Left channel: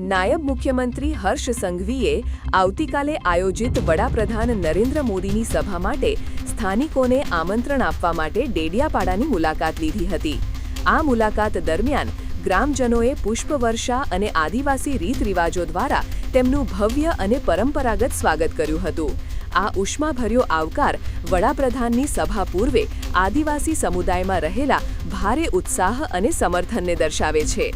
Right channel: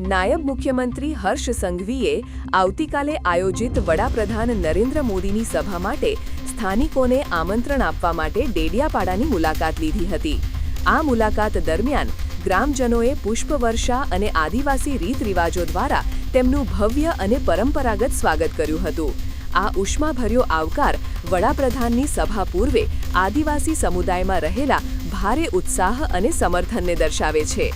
નાયબ મુખ્યમંત્રી હર્ષ સંઘવીએ આવતીકાલે આયોજિત વડાપ્રધાન નરેન્દ્ર મોદીની સભા માટે સ્થાનિકોને આમંત્રણ આપવા માટે ડેડિયાપાડાની મુલાકાત લીધી હતી. આ મુલાકાત દરમિયાન ગ્રામજનોએ પુષ્પવર્ષા અને આદિવાસી રીતરિવાજો દ્વારા તેમનું ભવ્ય અને પરંપરાગત સ્વાગત કર્યું હતું. આ ઉષ્માભર્યો આવકાર વડાપ્રધાનની સભા પૂર્વે આદિવાસી સમુદાયમાં રહેલા ભારે ઉત્સાહ અને સમર્થનને દર્શાવે છે.